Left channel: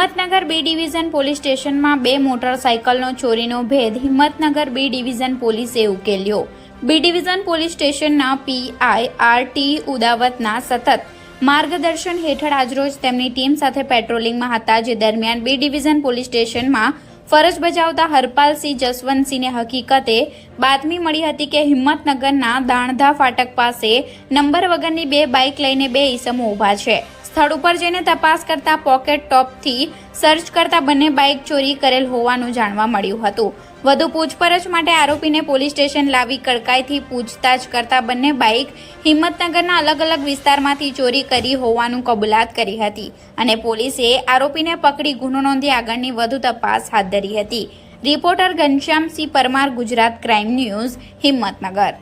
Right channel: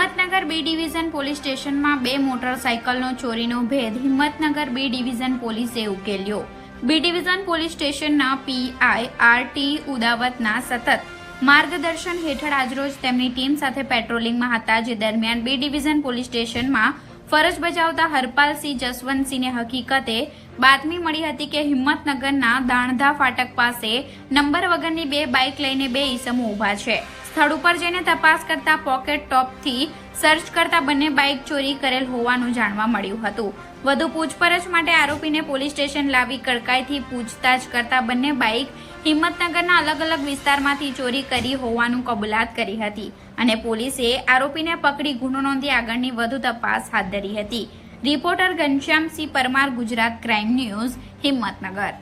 Himmatnagar B division police સ્ટેશનમાં બે મોટરસાયકલનો ચોરીનો ભેદ હિંમતનગર બી ડિવિઝન પોલીસે ઉકેલ્યો। બી ડિવિઝન પોલીસ સ્ટેશનના પીઆઈ આર.ટી. ઉદાવતના સતત માર્ગદર્શન હેઠળ આજરોજ તેમની ટીમ સાથે પેટ્રોલિંગમાં હતા, જે દરમિયાન બી ડિવિઝન પોલીસ સ્ટેશનમાં ફરજ બજાવતા હરપાલસિંહ જસવંતસિંહને હકીકતે બાતમી મળી હતી કે હિંમતનગરના દાણધા ફાટક પાસે નંબર વગરની બે બાઇક લઈને બે ઈસમો ઊભા છે। સ્થળ ઉપર જઈને તપાસ કરતા પોકેટ ટોપથી સર્ચ કરતા બંને બાઇક ચોરી કરેલ હોવાનું જાણવા મળ્યું હતું। વધુ પૂછપરછ માટે આરોપીને પોલીસ સ્ટેશન લાવી કડકાઈથી પૂછતાછ કરતા બંને બાઇક હિંમતનગરના અલગ અલગ વિસ્તારમાંથી ચોરી કરી હોવાનું કબૂલાત કરી હતી અને પોલીસે આરોપીને પકડી ગુનો નોંધી આગળની વધુ તપાસ હાથ ધરી હતી। Reporter Ghanshyamsinh Parmar, Gujarat crime news, Himmatnagar.